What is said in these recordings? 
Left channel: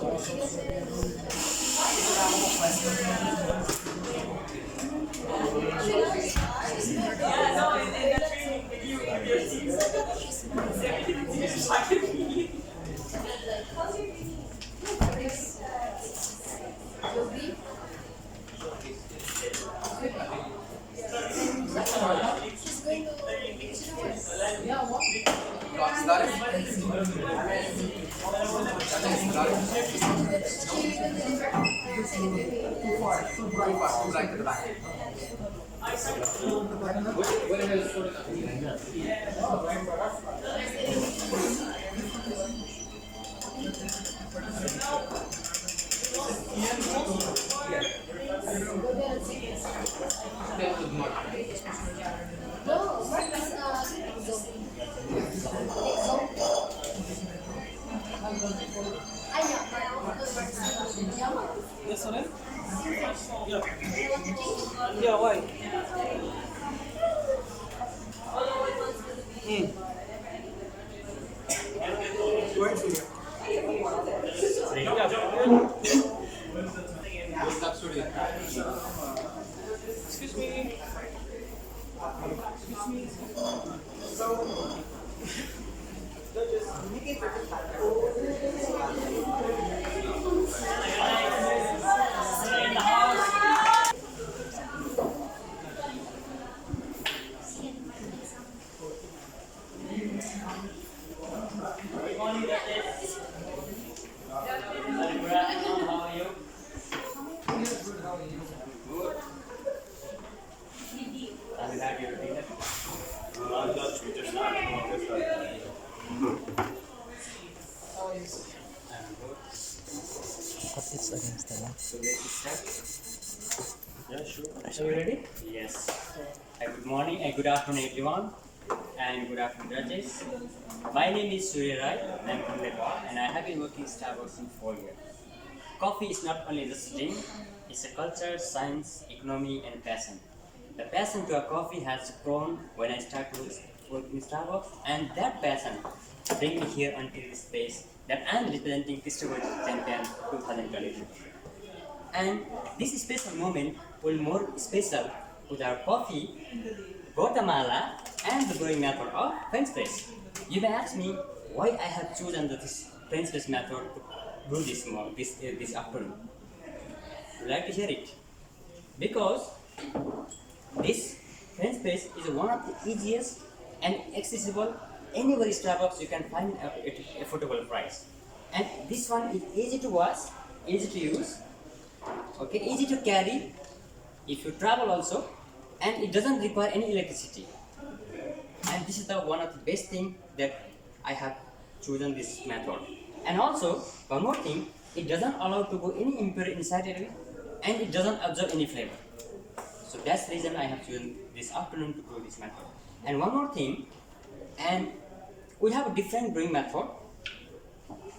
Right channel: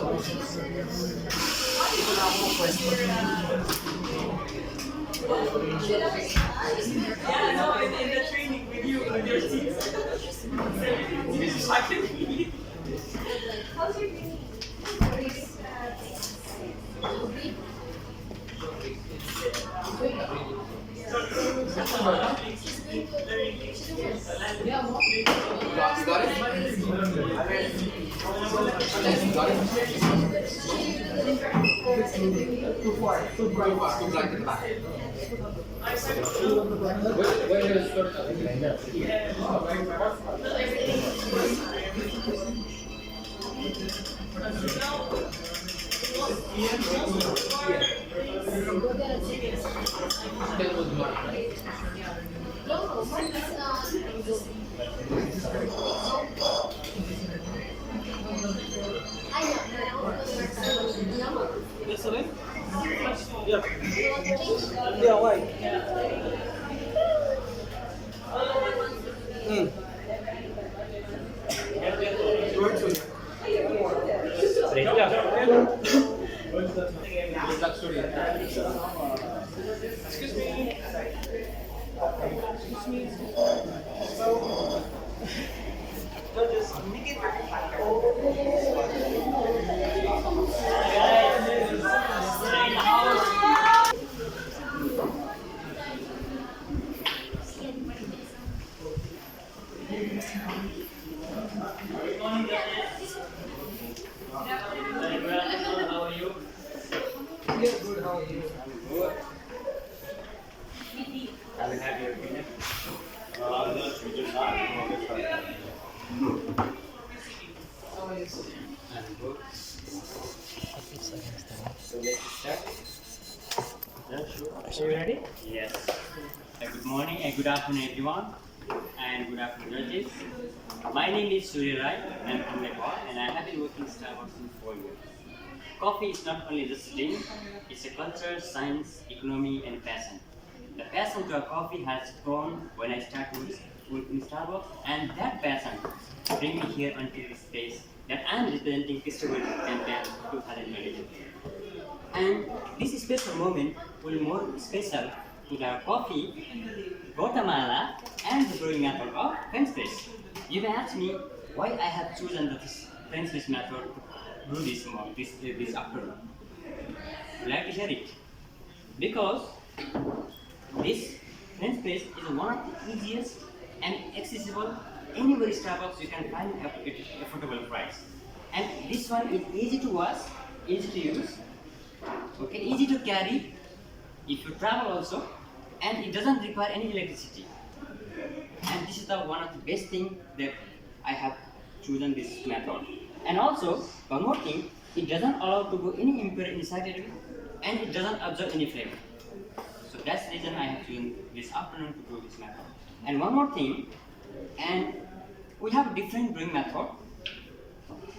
Yeah, no, in the training with you, your seats. I can be. How's your You got it? Too far, too bright to the back. When is sort of Yes, sir. Yeah. Yeah, why? Excuse me. Excuse me. Judges, make it How are you? Yes, good. How are you? Good. Have you had your dinner? How are you? I'm good. So let's start. Yeah, sure. Are you ready? Yes. Good morning and good afternoon, everyone. And good afternoon, judges. My name is Surya Rai. I'm from Nepal, and I have been working Starbucks in 4 years. Coffee is not only just a drink; it's a culture, science, economy, and passion. The passion to a coffee has grown when I started working in Starbucks, and that passion bring me here until this place that I'm representing Festival Champion 2022. And this special moment will be more special with our coffee, Guatemala, and the brewing method of French press. You may ask me why I have chosen this French press method to brew this afternoon. Would you like to hear it? Because this French press is one of the easiest and accessible anywhere Starbucks you can find at affordable price. And this one is easy to wash, easy to use, okay, easy to carry if you travel also, and it doesn't require any electricity. And this is the one of the best thing that I have chosen this method. And also one more thing, it doesn't allow to go any impurity inside it, and it doesn't absorb any flavor. So that's the reason I have chosen this afternoon to do this method. And one more thing, and we have a different brewing method,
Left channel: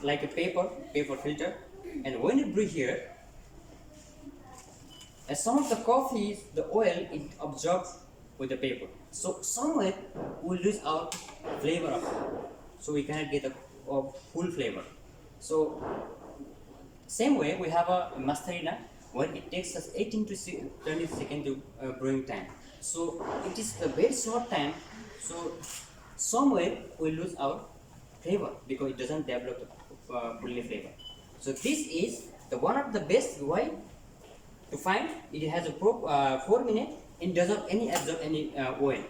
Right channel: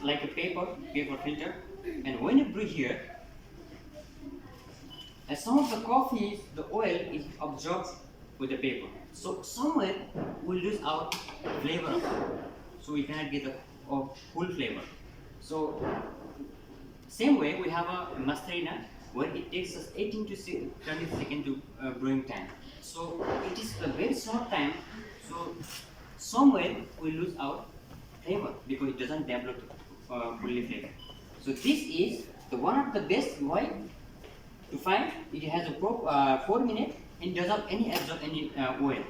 like a paper filter. And when you brew here, as some of the coffee, the oil is absorbed with the paper. So somewhere we lose out flavor of it. So we cannot get a full flavor. So same way we have a mastarina where it takes us 18 to 20 seconds to brewing time. So it is a very short time. So somewhere we lose our flavor because it doesn't develop fully flavor. So this is the one of the best way to find. It has a 4 minutes and doesn't absorb any oil.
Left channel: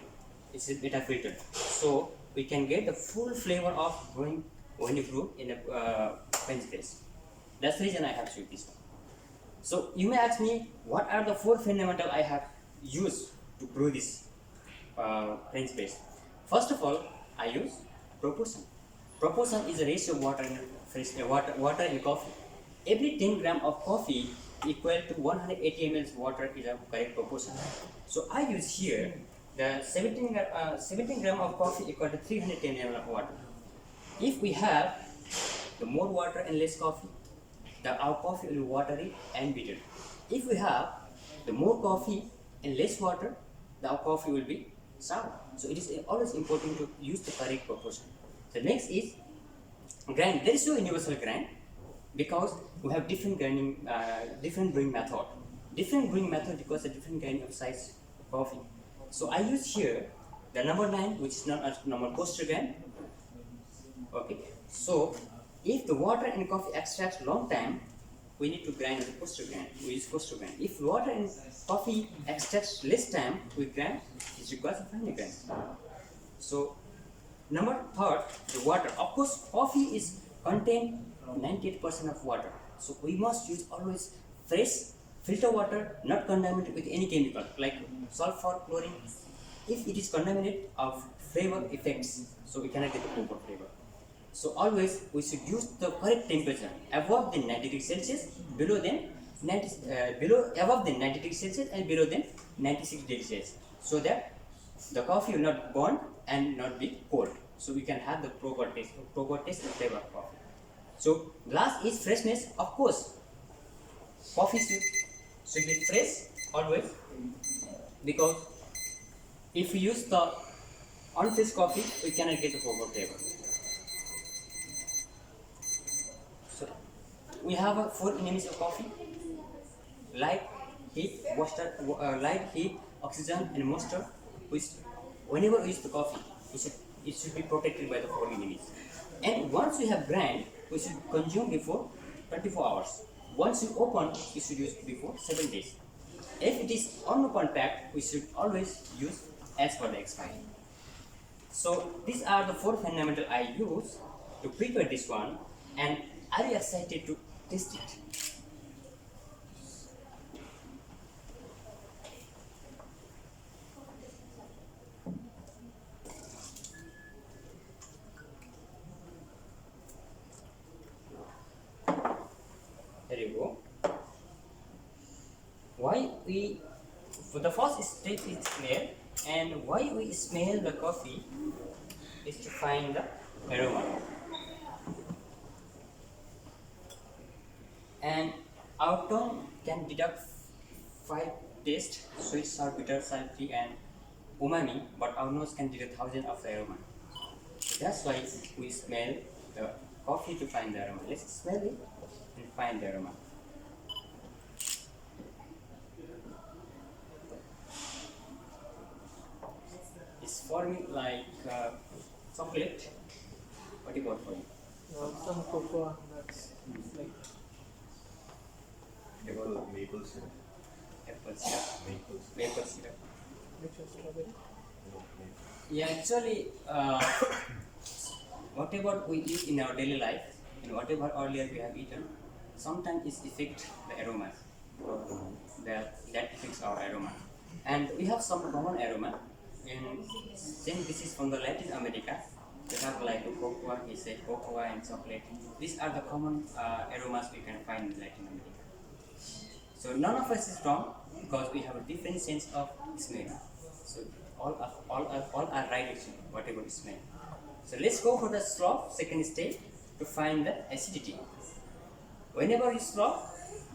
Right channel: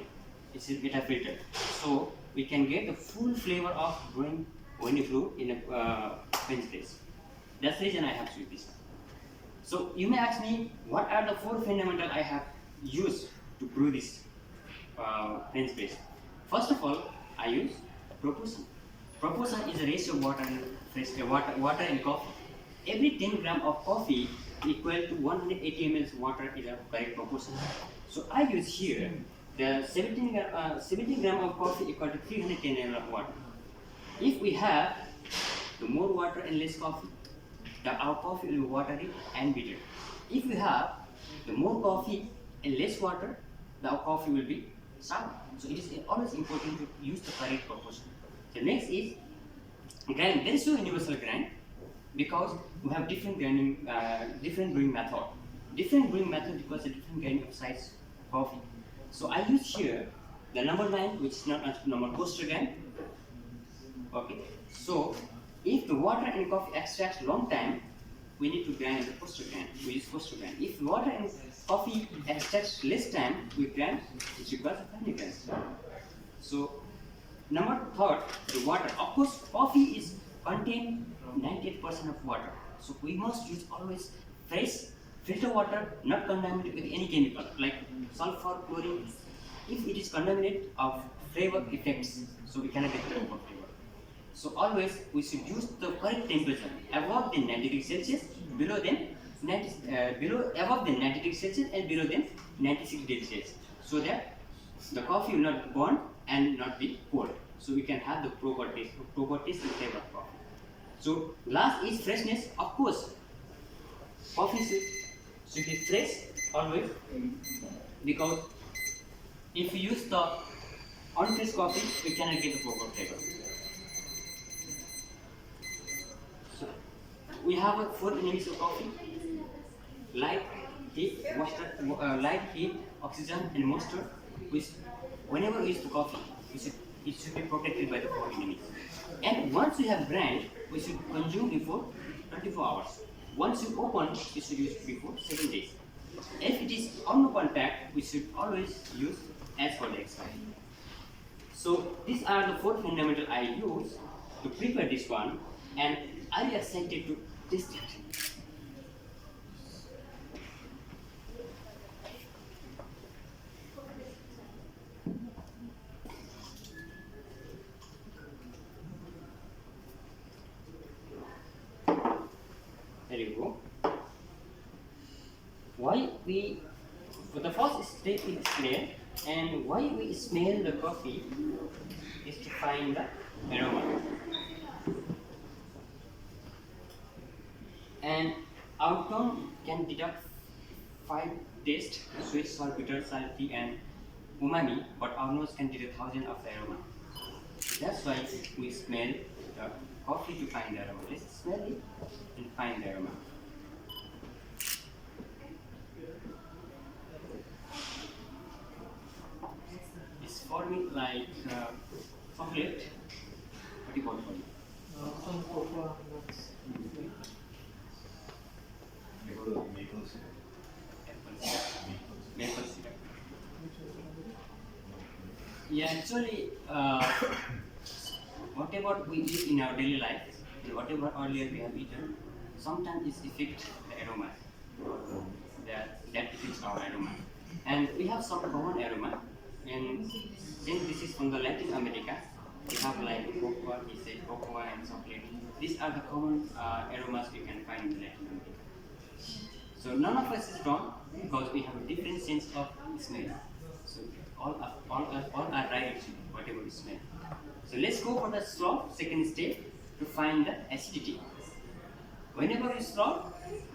It's a beta filter. So we can get the full flavor of brewing when you brew in a French press. That's the reason I have chosen this one. So you may ask me, what are the 4 fundamental I have used to brew this French press? First of all, I use proportion. Proportion is a ratio of water in coffee. Every 10 gram of coffee equal to 180 ml water is a correct proportion. So I use here the 17 gram of coffee equal to 310 ml of water. If we have the more water and less coffee, our coffee will be watery and bitter. If we have the more coffee and less water, our coffee will be sour. So it is always important to use the correct proportion. The next is grind. There is no universal grind. because we have different grinding, different brewing method. Different brewing method requires a different grinding of size coffee. So I use here the number 9, which is not a normal coaster grind. Okay, so if the water and coffee extracts long time, we need to grind as a coaster grind. We use coaster grind. If water and coffee extracts less time, we grind. It requires a fine grind. So number 3, the water. Of course, coffee is contain 98% of water. So we must use always fresh filter water, not contaminated with any chemical like sulfur, chlorine. If it is contaminated of flavor effects, so we cannot get the proper flavor. So always we should use the correct temperature above the 90 degrees Celsius, below than 90, above than 90 degrees Celsius and below than 96 degrees Celsius, so that the coffee will not burn and not be cold. So we can have the proper taste and flavor of coffee. So last is freshness. Of course, coffee should be fresh always, because if we use the unfresh coffee, we cannot get the proper flavor. So we have 4 enemies of coffee: light, heat, oxygen, and moisture. Which, whenever we use the coffee, it should be protected by the 4 enemies. And once we have grind, we should consume before 24 hours. Once you open, we should use before 7 days. If it is unopened pack, we should always use as per the expiry. So these are the 4 fundamental I use to prepare this one, and are you excited to test it? There you go. Why we, for the first step is clear, and why we smell the coffee is to find the aroma. And our tongue can deduct 5 tastes: sweet, sour, bitter, salty, and umami, but our nose can detect thousands of aroma. So that's why we smell the coffee to find the aroma. Let's smell it and find the aroma. It's for me like chocolate. What do you want for you? Some cocoa nuts. Like Maple syrup. Apple syrup. Maple syrup. which was strawberry. Yeah, actually, whatever we eat in our daily life, and whatever earlier we have eaten, sometimes it affects the aroma. That affects our aroma. And we have some common aroma. And since this is from the Latin America, we have like cocoa, he said cocoa and chocolate. These are the common aromas we can find in Latin America. So none of us is wrong, because we have a different sense of smell. So all are right actually, whatever we smell. So let's go for the straw, second step, to find the acidity. Whenever you straw,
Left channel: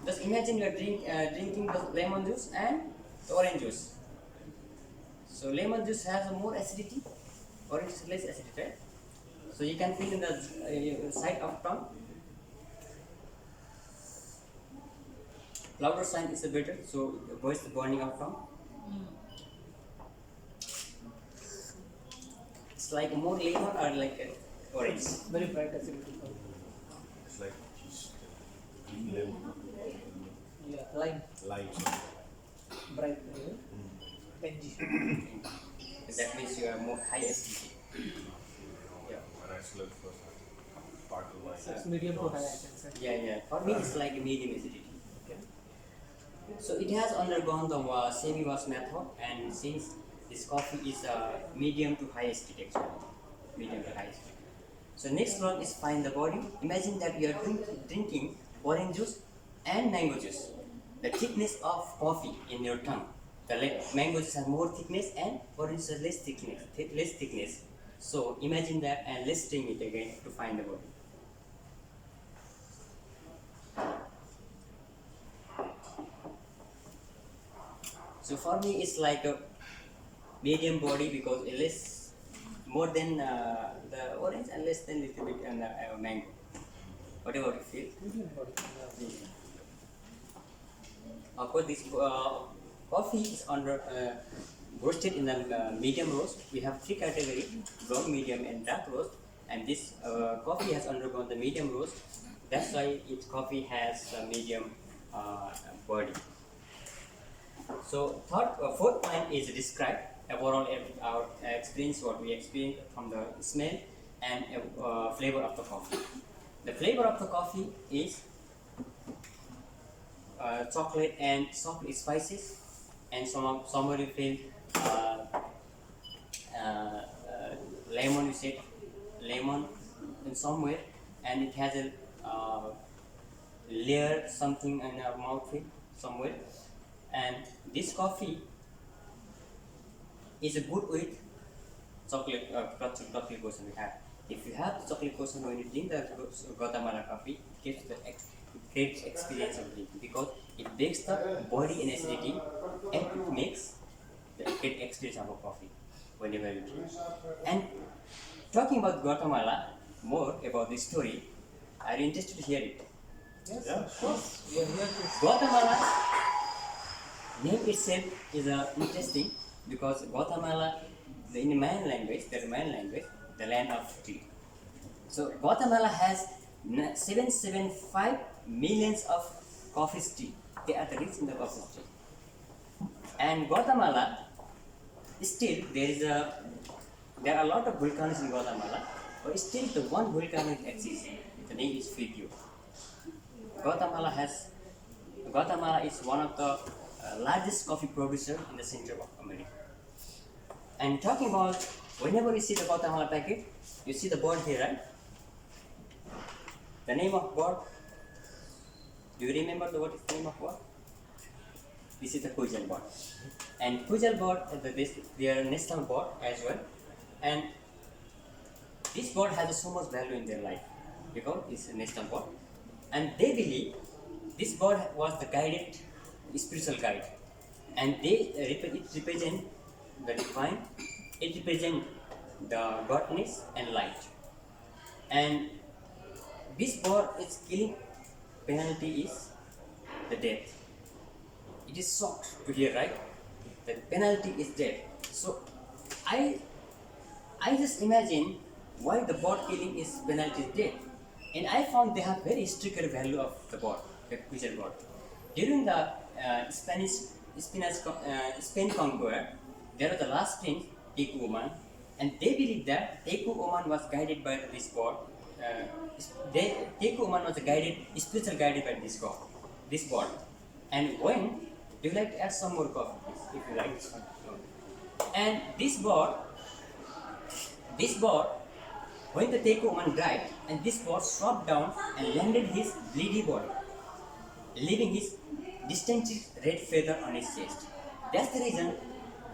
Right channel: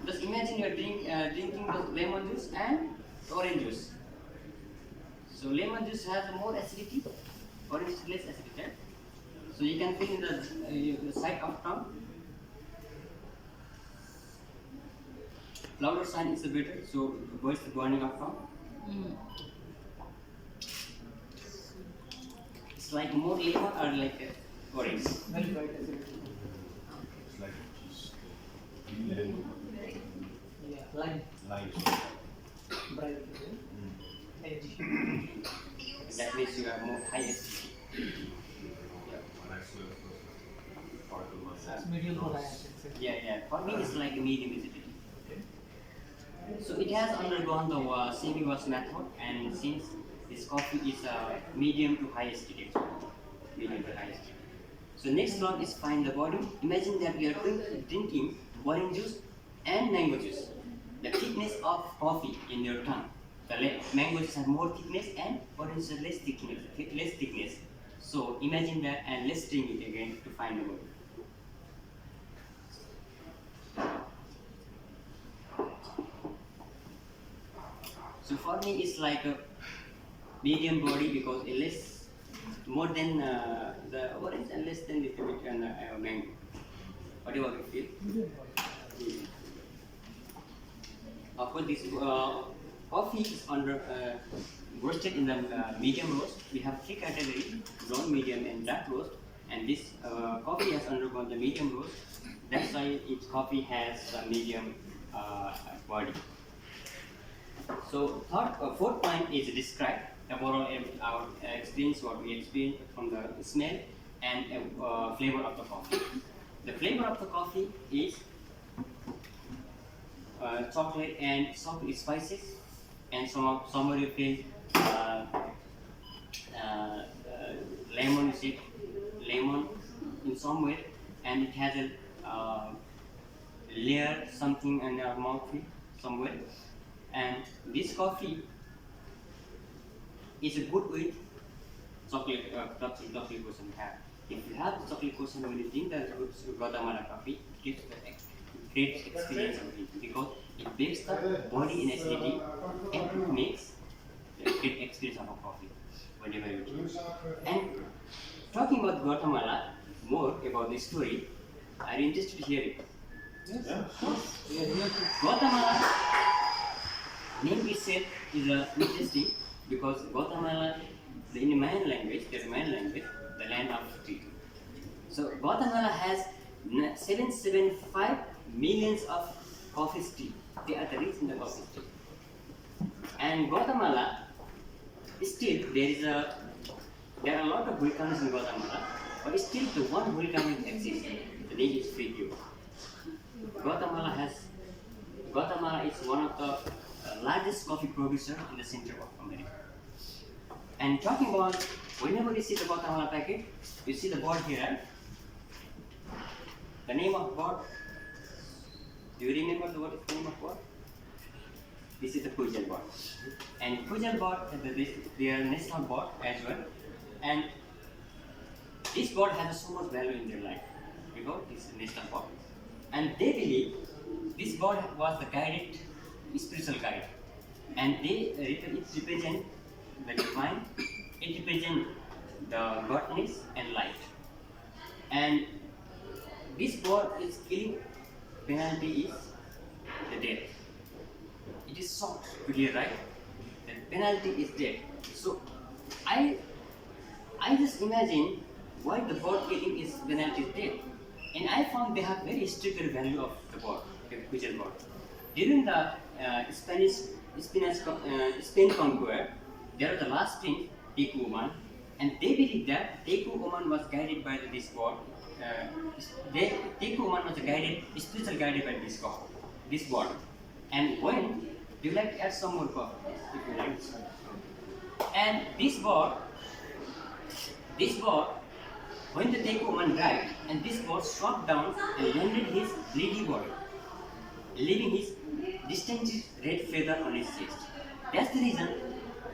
just imagine you are drinking the lemon juice and the orange juice. So lemon juice has more acidity, orange is less acidity, right? So you can feel in the side of tongue. Louder sign is better, so avoid the burning of tongue. It's like more lemon or like orange. Very bright acidity. It's like just lemon, Yeah, lime. lime. Bright. Tangy. That means you are more high acidity. Yeah, when I smell first, sparkle like It's medium to high, I can say. Yeah. For me, it's like a medium acidity. So it has undergone the semi-wash method, and since this coffee is medium to high acidity, actually, medium to high acidity. So next one is find the body. Imagine that you are drinking orange juice and mango juice. The thickness of coffee in your tongue. The mango juice has more thickness and orange juice has less thickness. So imagine that, and let's drink it again to find the body. So for me, it's like a medium body, because it less, more than the orange and less than little bit on the mango. Whatever you feel. Medium body. Medium. Of course, this coffee is roasted in the medium roast. We have three categories: brown, medium, and dark roast. And this coffee has undergone the medium roast. That's why its coffee has a medium body. So, fourth point is describe overall our experience, what we experience from the smell and flavor of the coffee. The flavor of the coffee is chocolate and soft spices, and somewhere you feel lemon. You say lemon in somewhere, and it has a layer something in your mouth somewhere. And this coffee is a good with chocolate chocolate cushion you have. If you have the chocolate cushion when you drink the Guatemala coffee, it gives the great experience of it because it breaks the body in acidity and it makes the great experience of a coffee whenever you drink. And talking about Guatemala, more about the story, are you interested to hear it? Yes, of course. We are here to. Guatemala name itself is interesting because Guatemala, in the Mayan language, the land of tea. So Guatemala has 775 millions of coffee tea. They are the rich in the coffee tea. And Guatemala, still there are a lot of volcanoes in Guatemala, but still the one volcano exists. The name is Fuego. Guatemala is one of the largest coffee producer in the center of America. And talking about, whenever you see the Guatemala packet, you see the board here, right? The name of board. Do you remember what is the name of board? This is the Kujal board. And Kujal board, they are national board as well. And this board has so much value in their life because it's a national board. And they believe this board was the guided spiritual guide, and it represent the divine, it represent the godness and light. And this board is killing penalty is the death. It is shocked to hear, right? The penalty is death. So I just imagine why the board killing is penalty is death. And I found they have very stricter value of the board, the Kujal board. During the Spain conqueror, there was the last prince, Teku Oman, and they believe that Teku Oman was guided by this god. Teku Oman was spiritual guided by this god. And when, do you like to add some more coffee, if you like? And this god, when the Teku Oman died, and this god swept down and landed his bleedy body, leaving his distinct red feather on his chest. That's the reason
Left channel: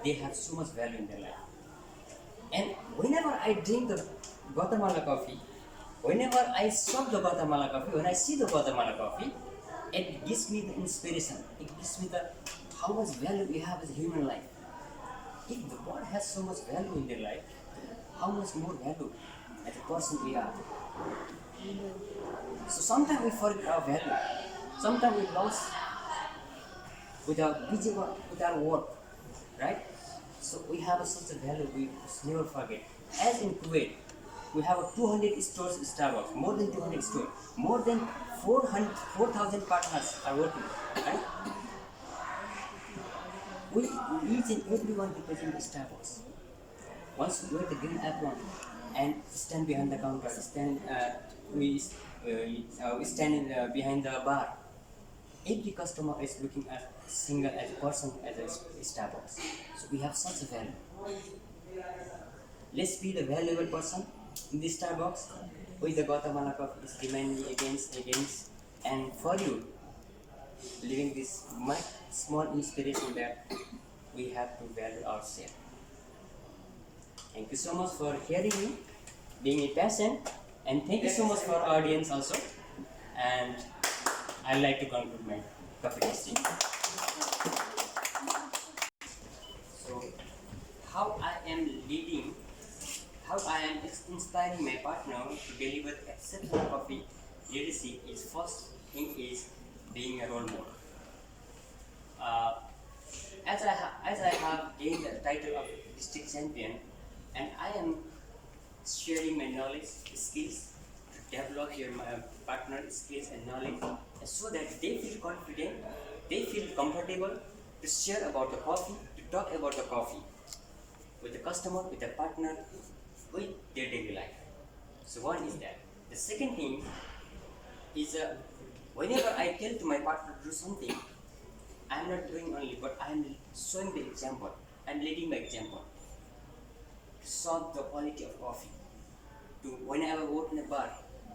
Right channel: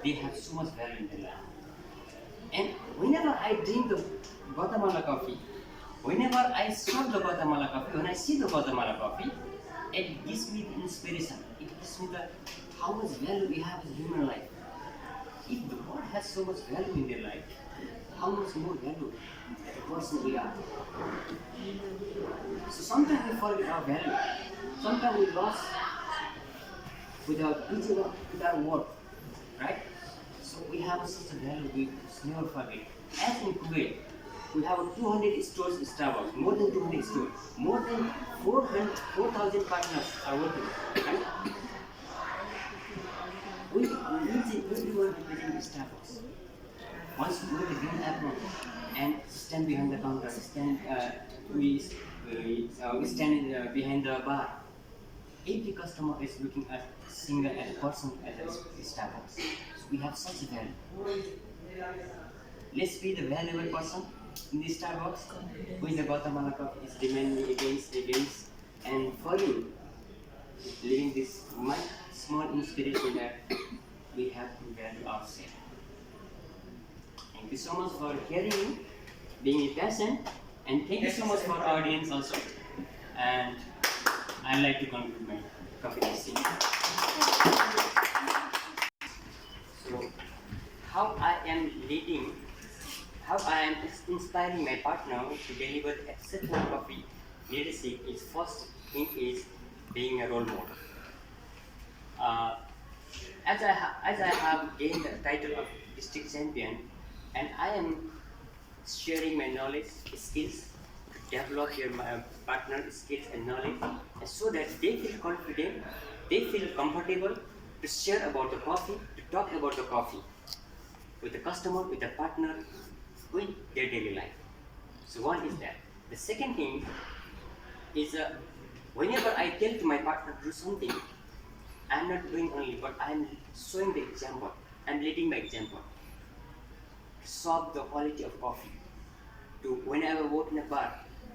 they have so much value in their life. And whenever I drink the Guatemala coffee, whenever I serve the Guatemala coffee, when I see the Guatemala coffee, it gives me the inspiration. It gives me how much value we have as a human life. If the God has so much value in their life, how much more value as a person we are. So sometimes we forget our value. Sometimes we lost with our busy work, with our work, right? So we have such a value we must never forget. As in Kuwait, we have 200 stores in Starbucks, more than 200 stores, more than 4,000 partners are working, right? We each and everyone represent Starbucks. Once we wear the green apron and stand behind the counter, we stand behind the bar. Every customer is looking at single as a person as a Starbucks. So we have such a value. Let's be the valuable person in this Starbucks. With the Guatemala Cup is demanding against, and for you, living this much small inspiration that we have to value ourselves. Thank you so much for hearing me, being patient, and thank you so much for our audience also. And I'd like to conclude my coffee tasting. So, how I am inspiring my partner to deliver exceptional coffee leadership is first thing is being a role model. Uh, as I have gained the title of district champion, and I am sharing my knowledge, skills to develop your partner skills and knowledge, and so that they feel confident, they feel comfortable to share about the coffee, to talk about the coffee with the customer, with the partner, with their daily life. So one is that. The second thing is whenever I tell to my partner to do something, I'm not doing only, but I'm showing the example. I'm leading by example. To solve the quality of coffee. To whenever I work in a bar,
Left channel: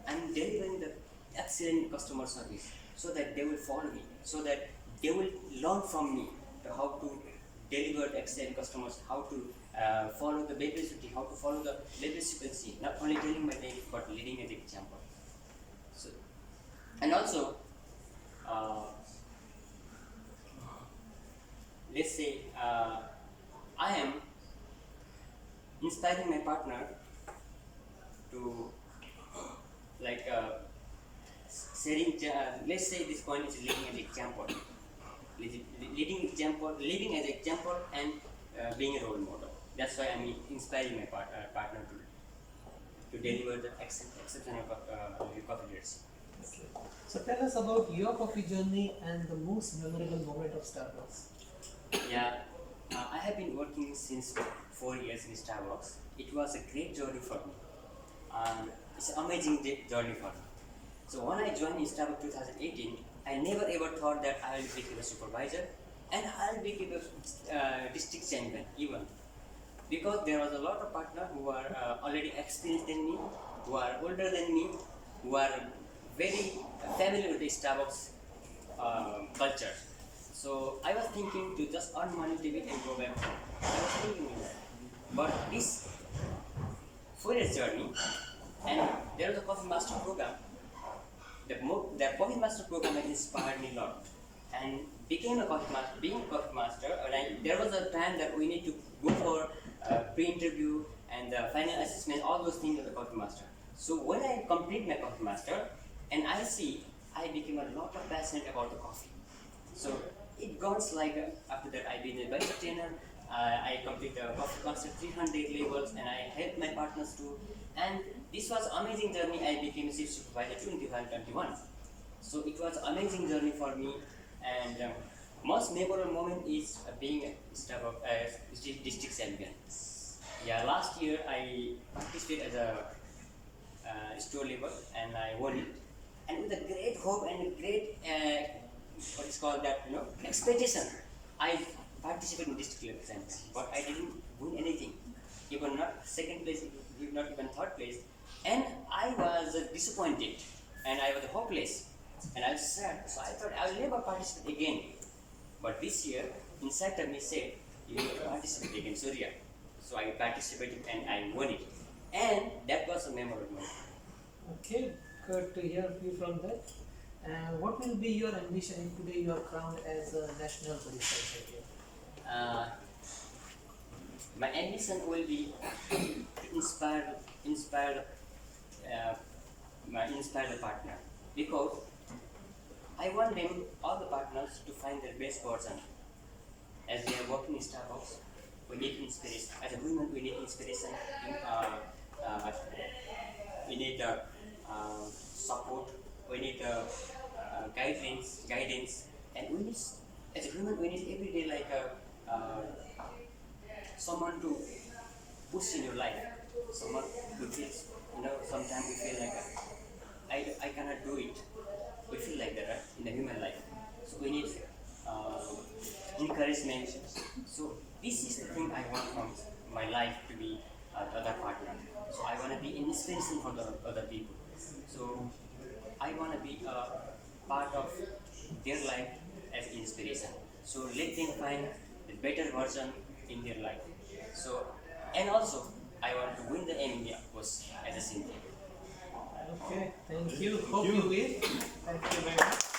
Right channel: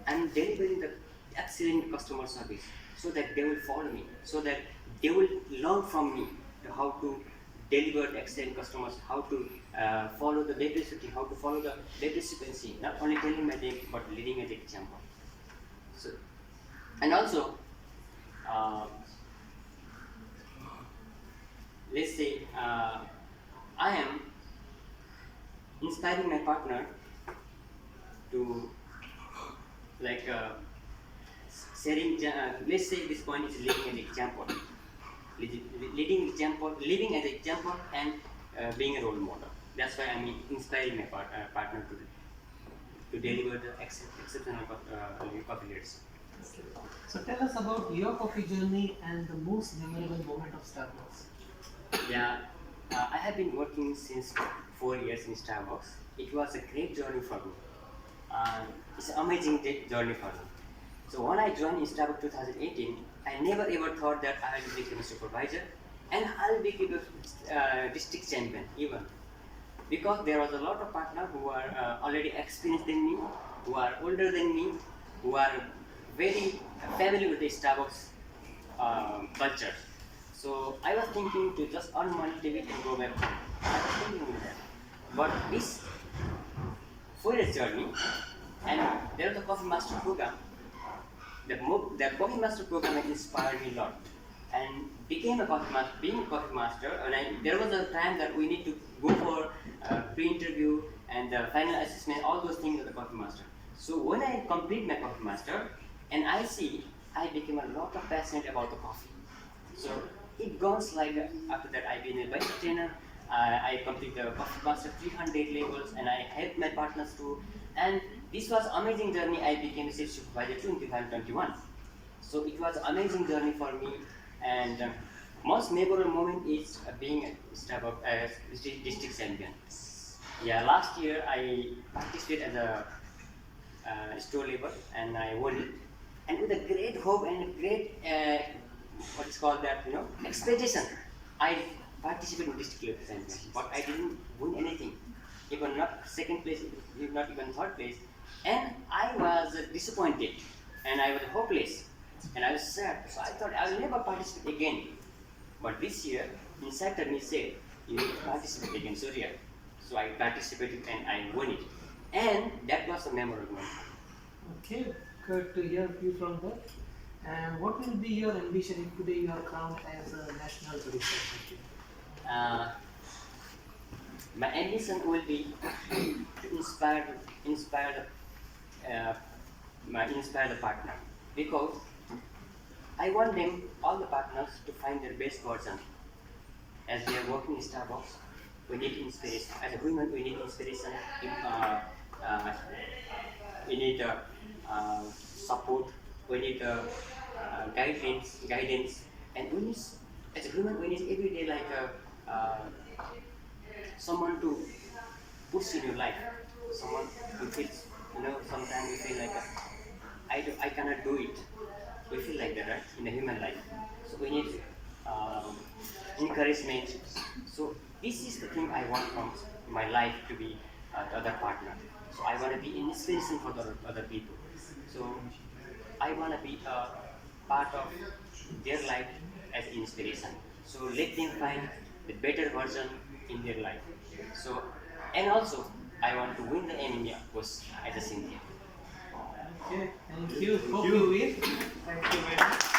I'm delivering the excellent customer service so that they will follow me, so that they will learn from me how to deliver excellent customers, how to follow the beverage routine, how to follow the beverage sequence. Not only telling my name, but leading as an example. So, and also, let's say I am inspiring my partner to like sharing. Let's say this point is leading as example, living as example, and being a role model. That's why I'm inspiring my partner to deliver the exceptional coffee leadership. Okay. So tell us about your coffee journey and the most memorable moment of Starbucks. Yeah, I have been working since 4 years in Starbucks. It was a great journey for me. It's an amazing journey for me. So when I joined in Starbucks 2018, I never ever thought that I will become a supervisor and I'll become a district champion even. Because there was a lot of partners who are already experienced than me, who are older than me, who are very familiar with the Starbucks culture. So I was thinking to just earn money, take it and go back home. I was thinking with that. But this 4 years journey, and there was a coffee master program. The coffee master program inspired me a lot, and became a coffee master. Being a coffee master, and there was a time that we need to go for pre-interview and the final assessment, all those things with the coffee master. So when I complete my coffee master, and I became a lot of passionate about the coffee. So it goes like after that I've been a vice trainer. I complete the coffee master 300 levels, and I helped my partners too. And this was amazing journey. I became a chief supervisor in 2021. So it was amazing journey for me, and most memorable moment is being a Starbucks district champion. Yeah, last year I participated as a store level, and I won it. And with a great hope and a great what is called that, expectation, I participated in district level champion, but I didn't win anything, even not second place, not even third place, and I was disappointed, and I was hopeless, and I was sad. So I thought I will never participate again. But this year, inside of me said, "You need to participate again, Surya." So I participated and I won it, and that was a memorable moment. Okay, good to hear you from that. And what will be your ambition if today you are crowned as a national barista champion? My ambition will be to inspire the partner, because I want them, all the partners, to find their best version. As we are working in Starbucks, we need inspiration. As a human, we need inspiration. We need support. We need guidance, and we need, as a human, we need every day like someone to push in your life. Someone who feels, sometimes we feel like I cannot do it. We feel like that, right? In the human life. So we need encouragement. So this is the thing I want from my life to be the other partner. So I want to be inspiration for the other people. So I want to be a part of their life as inspiration. So let them find the better version in their life. So, and also I want to win the MMA was as a champion. Okay, thank you. Hope you win. Thank you very much.